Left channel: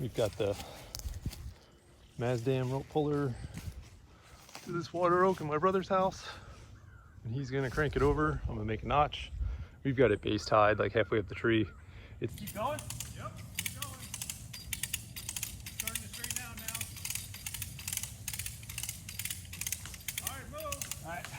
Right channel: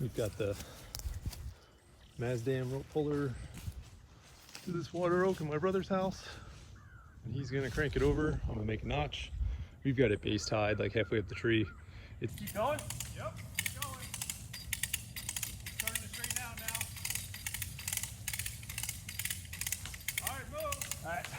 We've got the Mazdam rope puller to this water oak in my brother's house, and he's gonna crank it over. I'm gonna make a notch. We've got it base tied like halfway up the tree. It's keep going. Yep, keep going. Starting to straighten out now. All right, move. All right.